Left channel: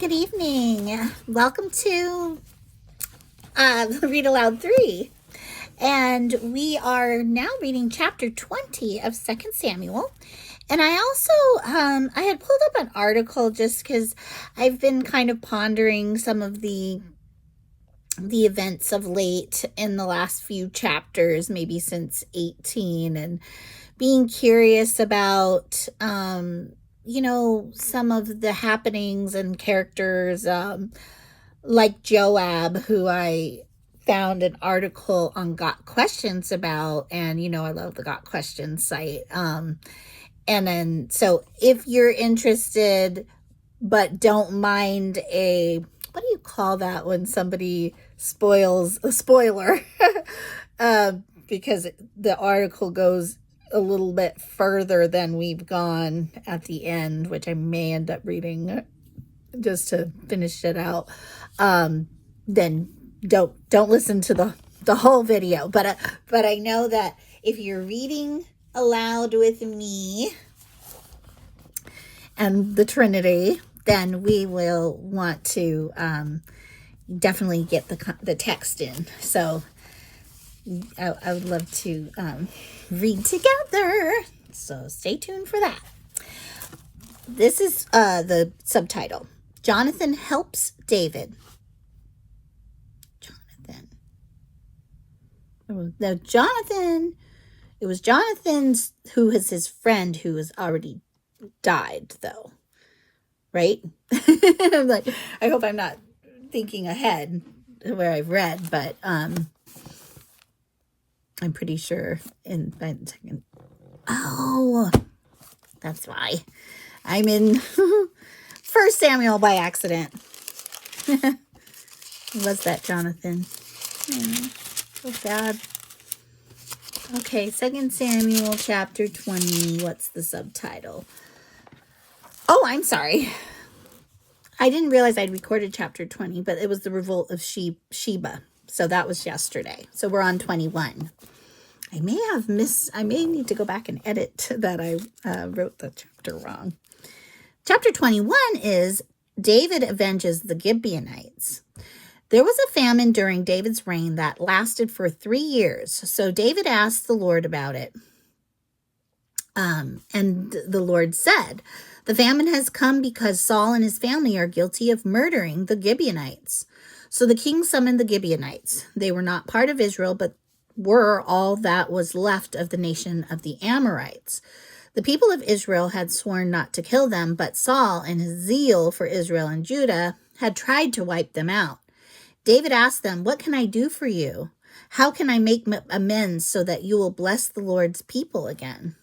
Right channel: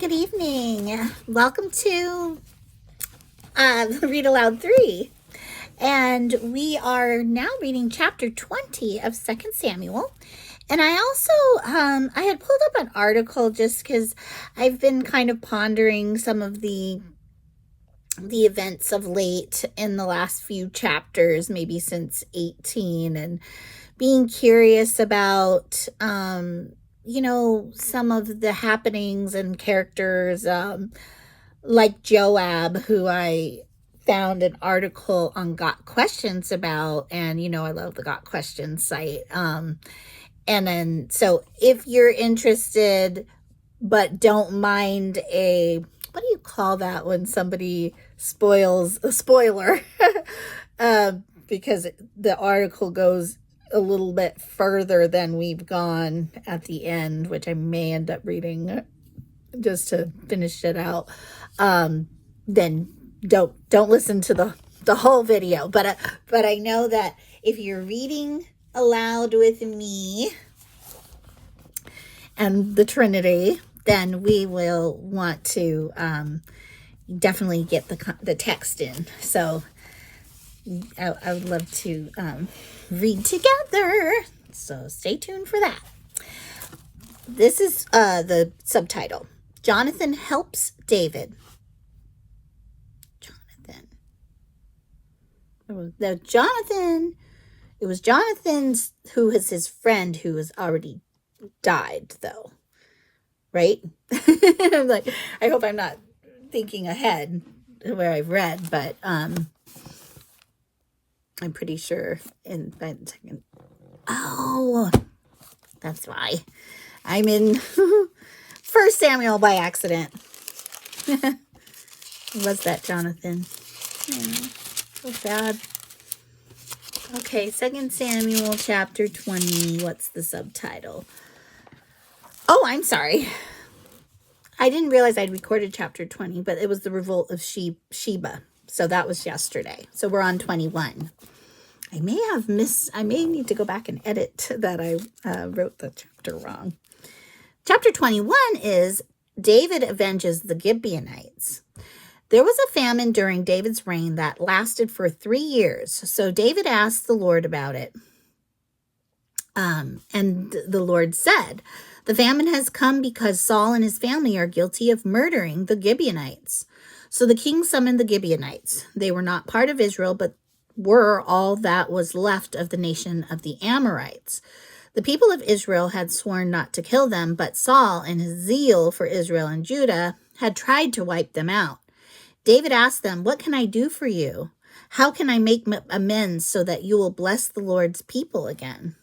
Good evening. Welcome to Read Aloud 3. And we are now reading chapter 20 of 2nd Samuel. And I also, I had pulled up an article just because I've been kind of pondering some of the events of late in the last few chapters, maybe since 18, and being curious about, some of the happenings and characters, like Joab, who I found an article on Got Questions about, and I love the Got Questions site. And then, so if you're interested, but don't mind what do you call that when somebody spoils a spoiler? Because the article goes a little bit further than we've gone at the end, which I may end up reading just to finish it out. Then don't listen to the whole video. But I know that if you're reading aloud with me and the Trinity, then we will want to definitely get the text in. So I would love to read together. So stay tuned for that. This is the subtitle. Jonathan helps David. It was Jonathan's, who was his friend, who has already died, though. Right? I'm like, I hope I'm not thinking ahead where I've read, but I'm pretty sure in a second. Oh, that's why I'm in 1 Samuel by accident. Was that Jonathan? So sad. Okay, 2 Samuel chapter 20. What's the subtitle? Oh, I'm sorry. I didn't realize I'd recorded chapter 20, but it was the revolt of Sheba. So that was yesterday. So we're on 21. I may need to go back and edit that I wrote the chapter wrong. Chapter 21 is David avenges the Gibeonites. There was a famine during David's reign that lasted for 3 years. So David asked the Lord about it. And the Lord said, "The famine has come because Saul and his family are guilty of murdering the Gibeonites." So the king summoned the Gibeonites. They were not part of Israel, but were all that was left of the nation of the Amorites. The people of Israel had sworn not to kill them, but Saul, in his zeal for Israel and Judah, had tried to wipe them out. David asked them, "What can I do for you? How can I make amends so that you will bless the Lord's people again?"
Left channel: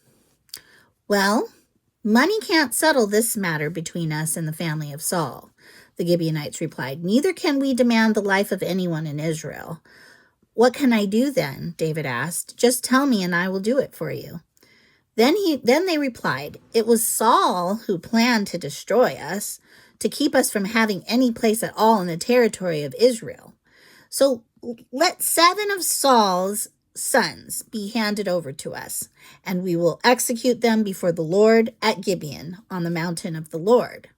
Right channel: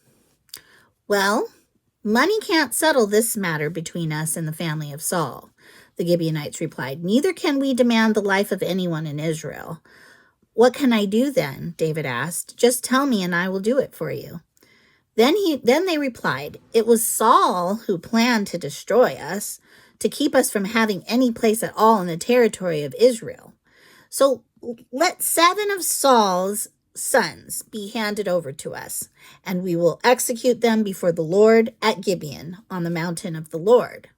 "Well, money can't settle this matter between us and the family of Saul," the Gibeonites replied. "Neither can we demand the life of anyone in Israel." "What can I do then?" David asked. "Just tell me and I will do it for you." Then they replied, "It was Saul who planned to destroy us, to keep us from having any place at all in the territory of Israel. So let 7 of Saul's sons be handed over to us, and we will execute them before the Lord at Gibeon on the mountain of the Lord."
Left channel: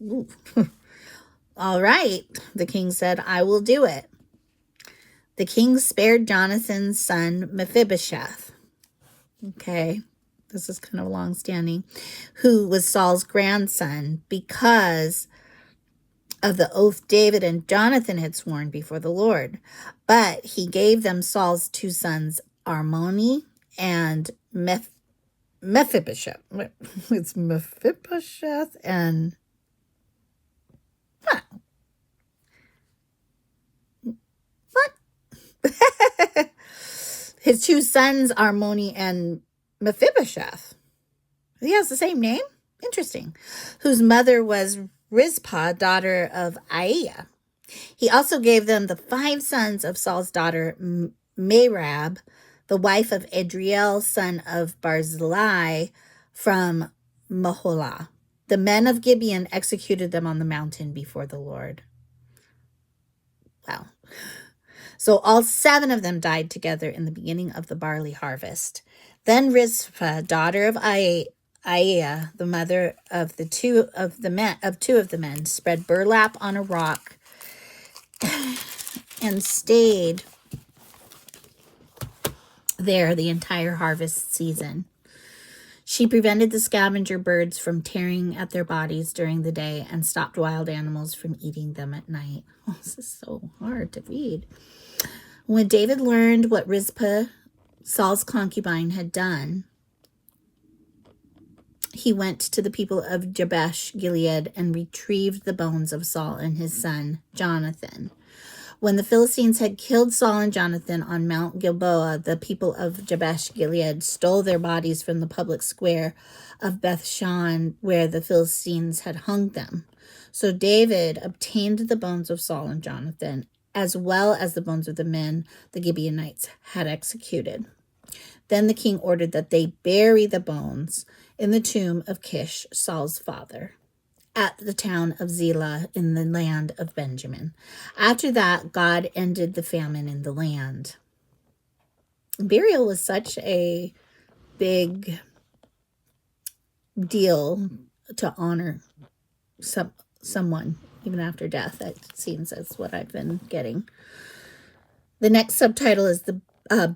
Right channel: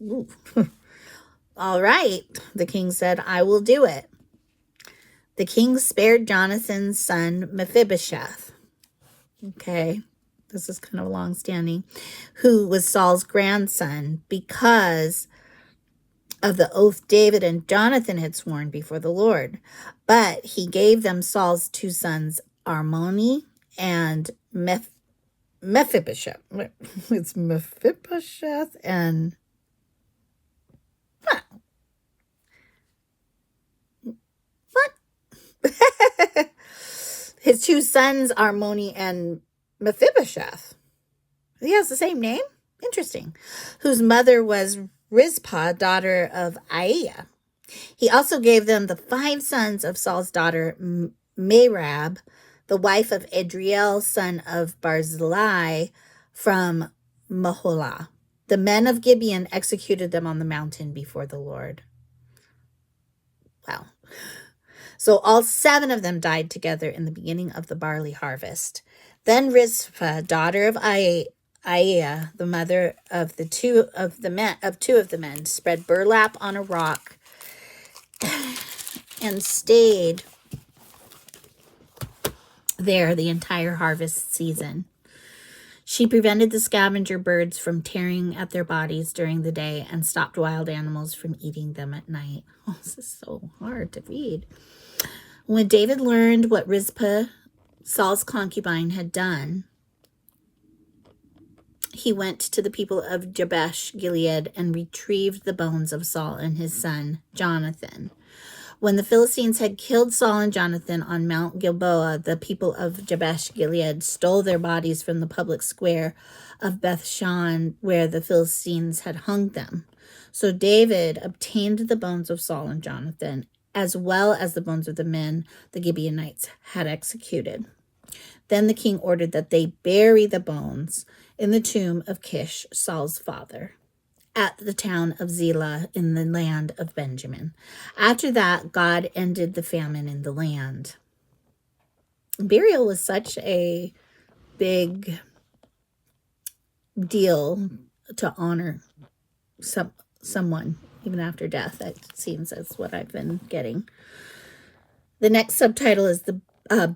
"All right," the king said, "I will do it." The king spared Jonathan's son Mephibosheth. Okay, this is kind of long-standing, who was Saul's grandson, because of the oath David and Jonathan had sworn before the Lord. But he gave them Saul's 2 sons, Armoni and Mephibosheth. It's Mephibosheth and... What? His 2 sons, Armoni and Mephibosheth. He has the same name? Interesting. Whose mother was Rizpah, daughter of Aiah. He also gave them the 5 sons of Saul's daughter Merab, the wife of Adriel, son of Barzillai, from Maholah. The men of Gibeon executed them on the mountain before the Lord. Wow. So all 7 of them died together in the beginning of the barley harvest. Then Rizpah, daughter of Aiah, the mother of two of the men, spread burlap on a rock and stayed there the entire harvest season. She prevented the scavenger birds from tearing at their bodies during the day and stopped wild animals from eating them at night. Oh, this is so hard to read. When David learned what Rizpah, Saul's concubine, had done, he went to the people of Jabesh Gilead and retrieved the bones of Saul and his son Jonathan. When the Philistines had killed Saul and Jonathan on Mount Gilboa, the people of Jabesh Gilead stole their bodies from the public square of Beth-shan, where the Philistines had hung them. So David obtained the bones of Saul and Jonathan, as well as the bones of the men the Gibeonites had executed. Then the king ordered that they bury the bones in the tomb of Kish, Saul's father, at the town of Zelah in the land of Benjamin. After that, God ended the famine in the land. Burial was such a big deal to honor someone, even after death. It seems that's what I've been getting. The next subtitle is the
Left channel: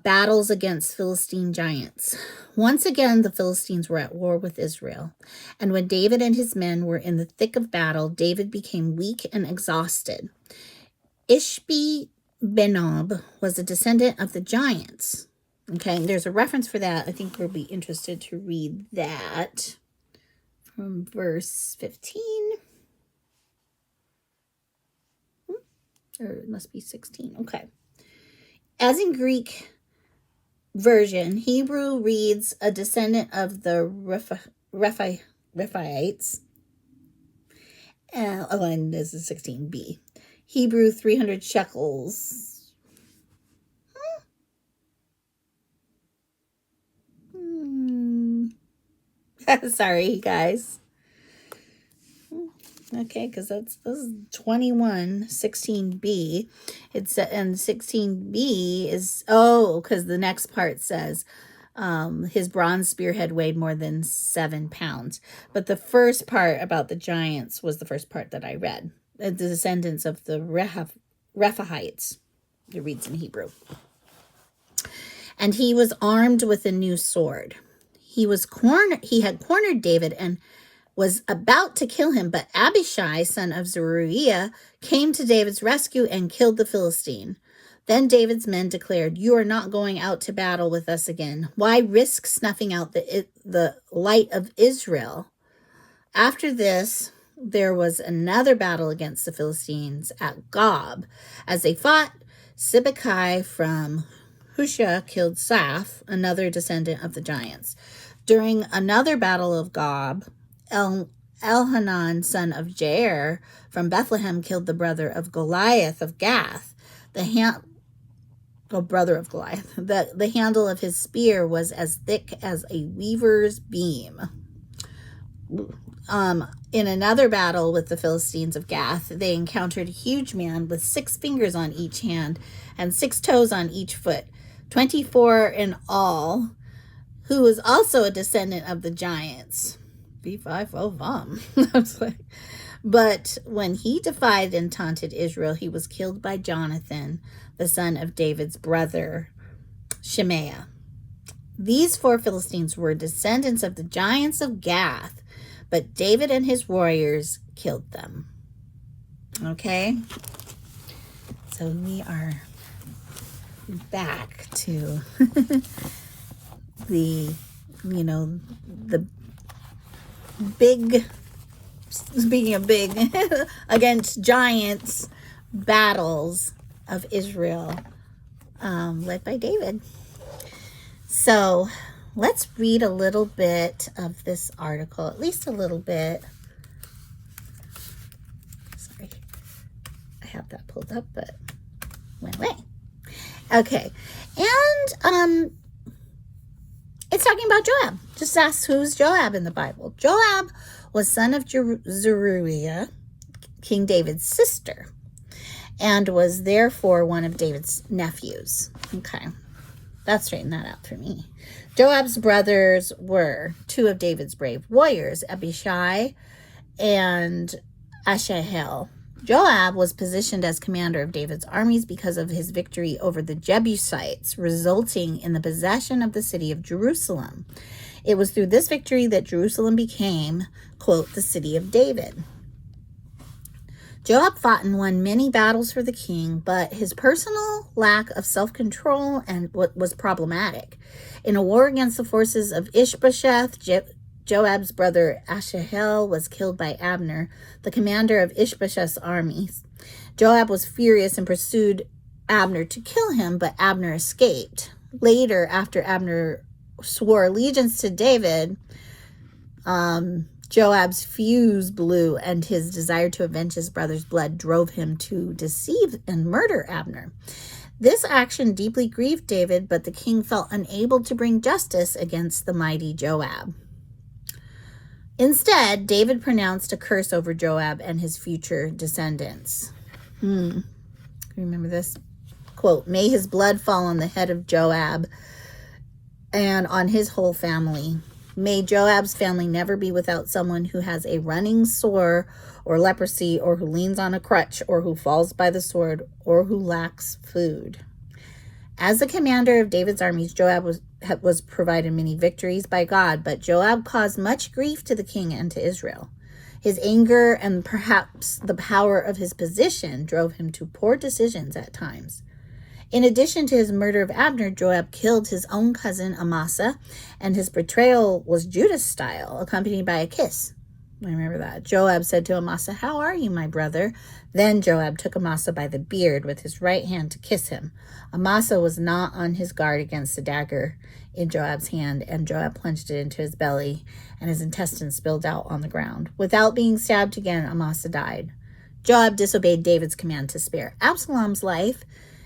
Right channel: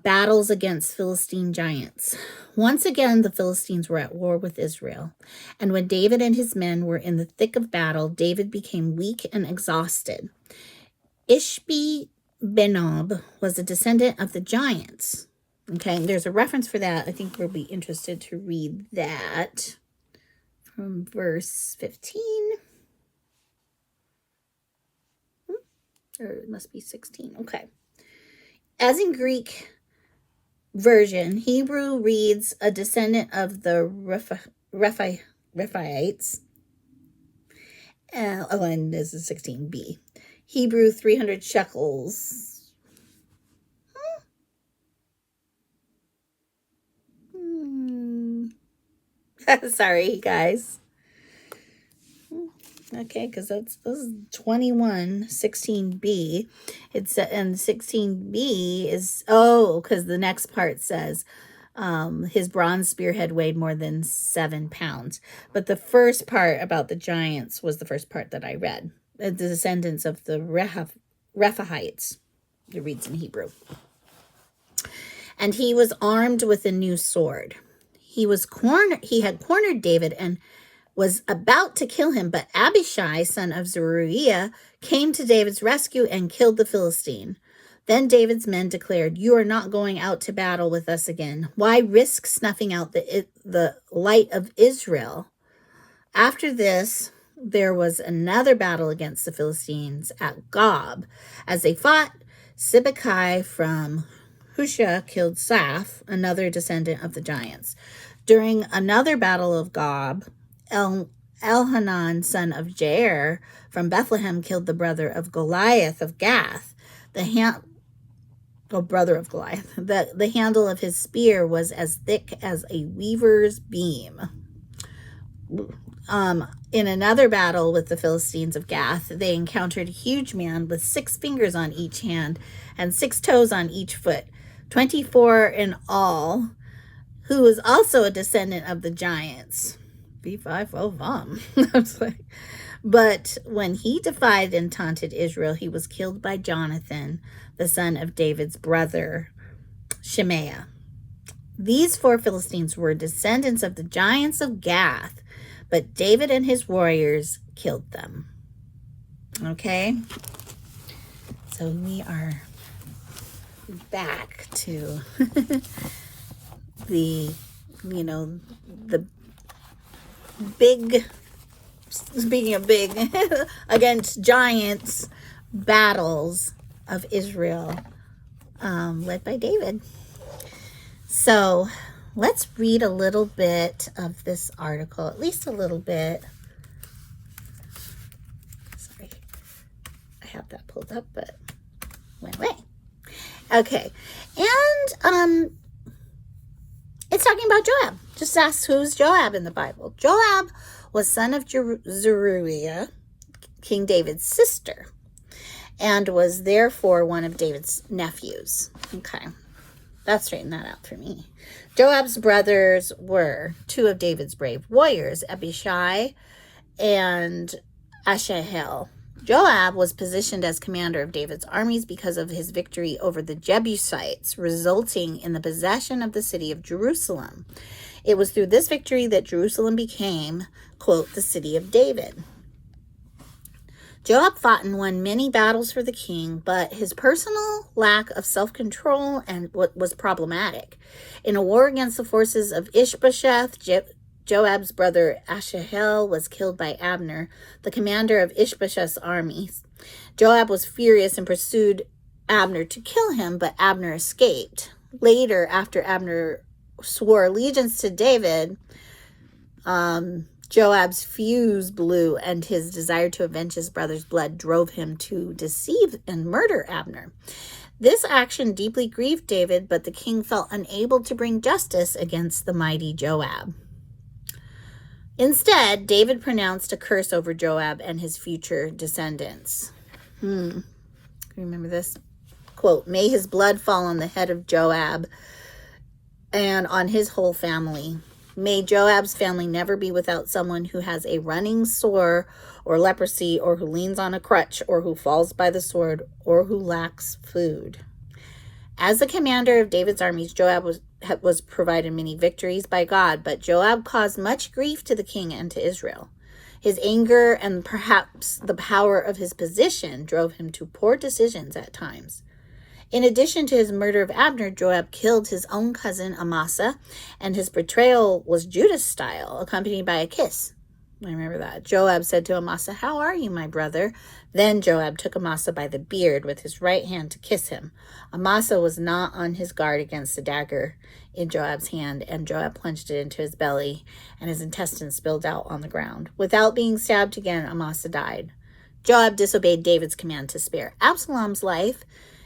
battles against Philistine giants. Once again, the Philistines were at war with Israel. And when David and his men were in the thick of battle, David became weak and exhausted. Ishbi-Benob was a descendant of the giants. Okay, there's a reference for that. I think we'll be interested to read that from verse 15. Or it must be 16. Okay. As in Greek version, Hebrew reads a descendant of the Rephaites. And this is 16b. Hebrew 300 shekels. Sorry, guys. Okay, because this is 21, 16b. It's and 16b is, because the next part says his bronze spearhead weighed more than 7 pounds. But the first part about the giants was the first part that I read. The descendants of the Rephaites. It reads in Hebrew. And he was armed with a new sword. He had cornered David and was about to kill him, but Abishai, son of Zeruiah, came to David's rescue and killed the Philistine. Then David's men declared, "You are not going out to battle with us again. Why risk snuffing out the light of Israel?" After this, there was another battle against the Philistines at Gob. As they fought, Sibbecai from Hushah killed Saph, another descendant of the giants. During another battle of Gob, Elhanan, son of Jair, from Bethlehem, killed the brother of Goliath of Gath. The handle of his spear was as thick as a weaver's beam. In another battle with the Philistines of Gath, they encountered a huge man with 6 fingers on each hand and 6 toes on each foot, 24 in all, who was also a descendant of the giants. B5 But when he defied and taunted Israel, he was killed by Jonathan, the son of David's brother, Shemaiah. These 4 Philistines were descendants of the giants of Gath, but David and his warriors killed them. Okay? So we are back to the big, speaking of big, against giants battles of Israel, led by David. So let's read a little bit of this article, at least a little bit. Sorry, I have that pulled up, but went away. Okay, and it's talking about Joab. Just ask, who's Joab in the Bible? Joab was son of Zeruiah, King David's sister, and was therefore one of David's nephews. Okay. That straightened that out for me. Joab's brothers were two of David's brave warriors, Abishai and Asahel. Joab was positioned as commander of David's armies because of his victory over the Jebusites, resulting in the possession of the city of Jerusalem. It was through this victory that Jerusalem became, quote, the city of David. Joab fought and won many battles for the king, but his personal lack of self-control and what was problematic. In a war against the forces of Ishbosheth, Joab's brother Asahel was killed by Abner, the commander of Ishbosheth's armies. Joab was furious and pursued Abner to kill him, but Abner escaped. Later, after Abner swore allegiance to David, Joab's fuse blew, and his desire to avenge his brother's blood drove him to deceive and murder Abner. This action deeply grieved David, but the king felt unable to bring justice against the mighty Joab. Instead, David pronounced a curse over Joab and his future descendants. Remember this? Quote, "May his blood fall on the head of Joab and on his whole family. May Joab's family never be without someone who has a running sore or leprosy, or who leans on a crutch, or who falls by the sword, or who lacks food." As the commander of David's armies, Joab was provided many victories by God, but Joab caused much grief to the king and to Israel. His anger and perhaps the power of his position drove him to poor decisions at times. In addition to his murder of Abner, Joab killed his own cousin Amasa, and his betrayal was Judas style, accompanied by a kiss. Remember that. Joab said to Amasa, "How are you, my brother?" Then Joab took Amasa by the beard with his right hand to kiss him. Amasa was not on his guard against the dagger in Joab's hand, and Joab plunged it into his belly, and his intestines spilled out on the ground. Without being stabbed again, Amasa died. Joab disobeyed David's command to spare Absalom's life,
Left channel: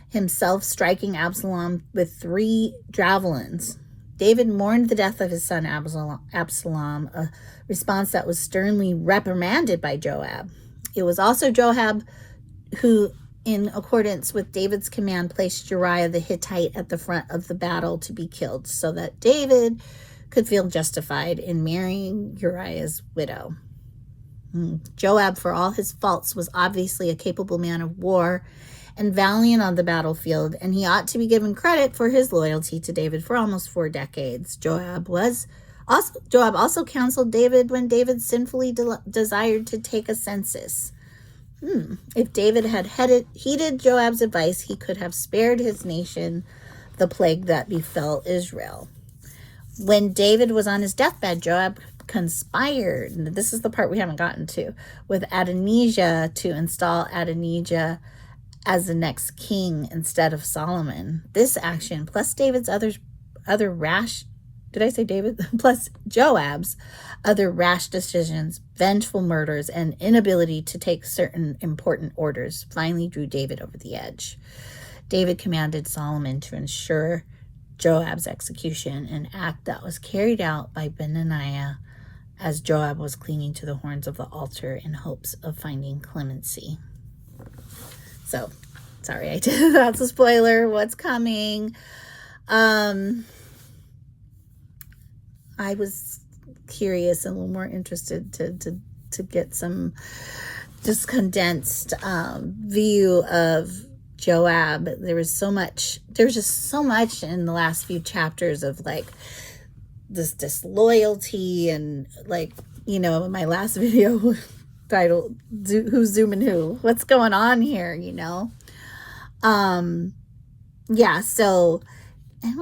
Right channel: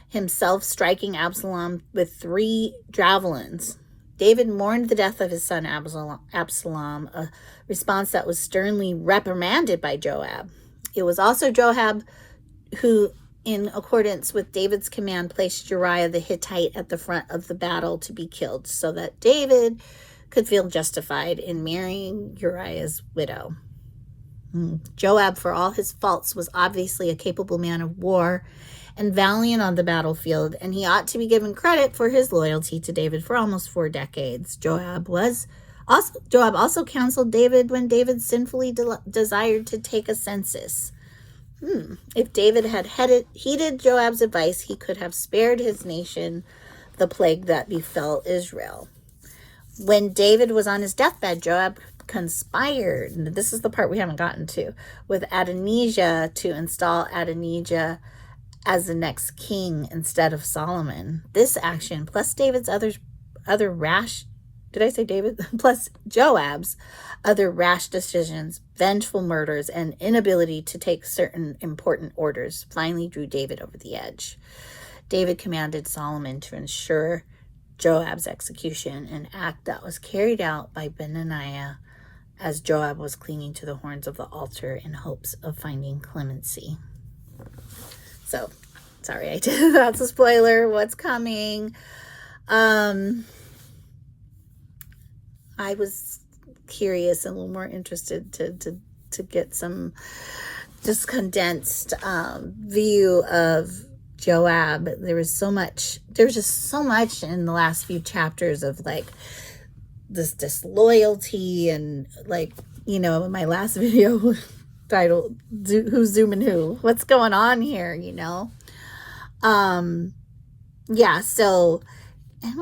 himself striking Absalom with 3 javelins. David mourned the death of his son Absalom, a response that was sternly reprimanded by Joab. It was also Joab who, in accordance with David's command, placed Uriah the Hittite at the front of the battle to be killed, so that David could feel justified in marrying Uriah's widow. Joab, for all his faults, was obviously a capable man of war and valiant on the battlefield, and he ought to be given credit for his loyalty to David for almost 4 decades. Joab also counseled David when David sinfully desired to take a census. If David had heeded Joab's advice, he could have spared his nation the plague that befell Israel. When David was on his deathbed, Joab conspired, and this is the part we haven't gotten to, with Adonijah to install Adonijah as the next king instead of Solomon. This action, plus David's other rash, plus Joab's other rash decisions, vengeful murders, and inability to take certain important orders, finally drew David over the edge. David commanded Solomon to ensure Joab's execution, an act that was carried out by Benaiah as Joab was clinging to the horns of the altar in hopes of finding clemency. So, sorry, that's a spoiler. What's coming? I was curious and a little more interested to get some just condensed view of Joab. There's just so much in the last few chapters of like this disloyalty, and like, you know, in my last video titled "Who's Zooming Who?" What's going on here, you know? Yeah, so, and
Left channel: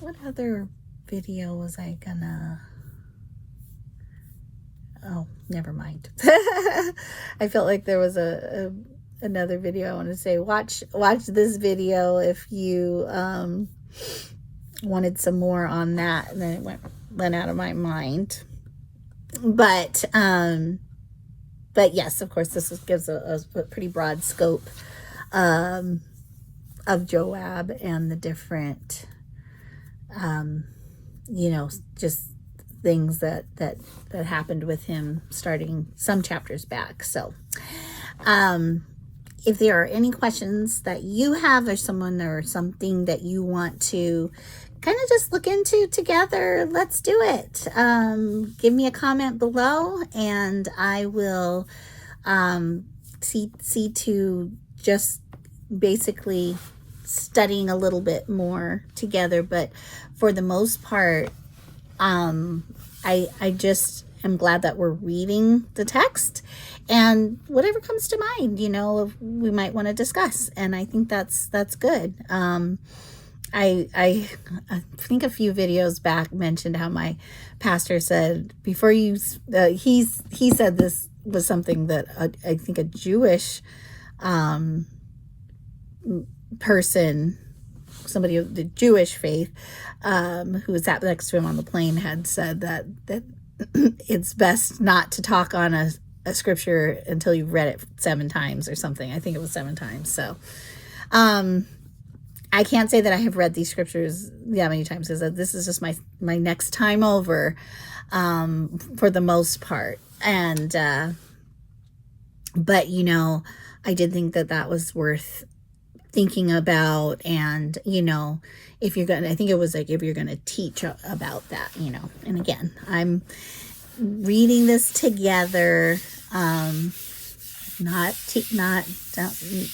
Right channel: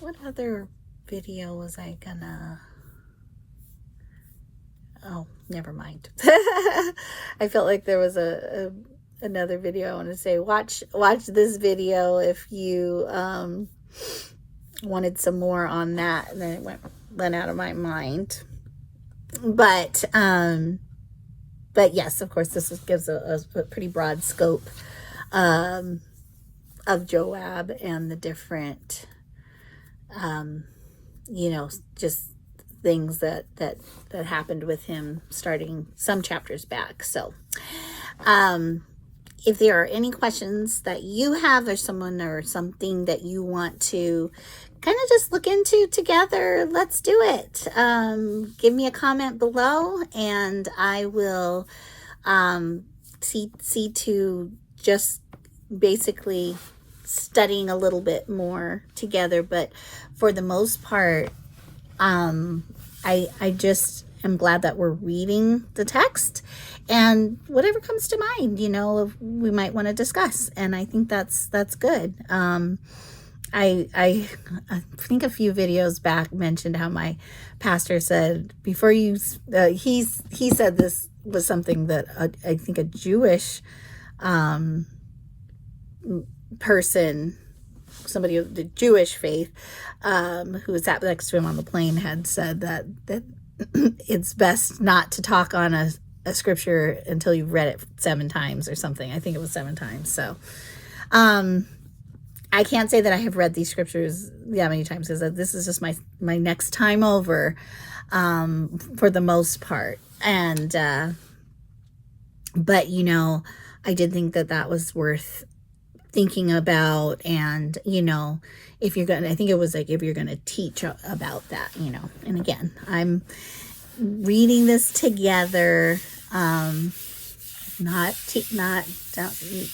what other video was I gonna, oh, never mind. I felt like there was another video I want to say, watch this video if you, wanted some more on that, and then it went out of my mind. But yes, of course, this gives a pretty broad scope of Joab and the different, you know, just things that happened with him starting some chapters back. So, if there are any questions that you have, or someone or something that you want to kind of just look into together, let's do it. Give me a comment below, and I will see to just basically studying a little bit more together. But for the most part, I just am glad that we're reading the text, and whatever comes to mind, we might want to discuss. And I think that's good. I think a few videos back mentioned how my pastor said, before you, he said this was something that I think a Jewish person, somebody of the Jewish faith, who sat next to him on the plane, had said that it's best not to talk on a scripture until you've read it 7 times or something. I think it was 7 times. So I can't say that I have read these scriptures that many times, because this is just my next time over, for the most part. And but I did think that was worth thinking about. And if you're gonna, I think it was like, if you're gonna teach about that, and again, I'm reading this together,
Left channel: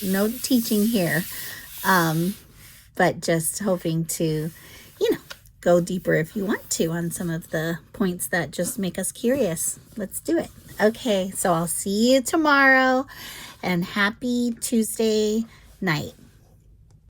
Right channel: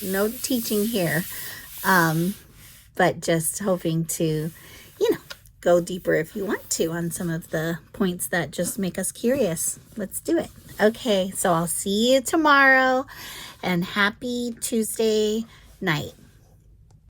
no teaching here, but just hoping to go deeper if you want to on some of the points that just make us curious. Let's do it. Okay, so I'll see you tomorrow, and happy Tuesday night.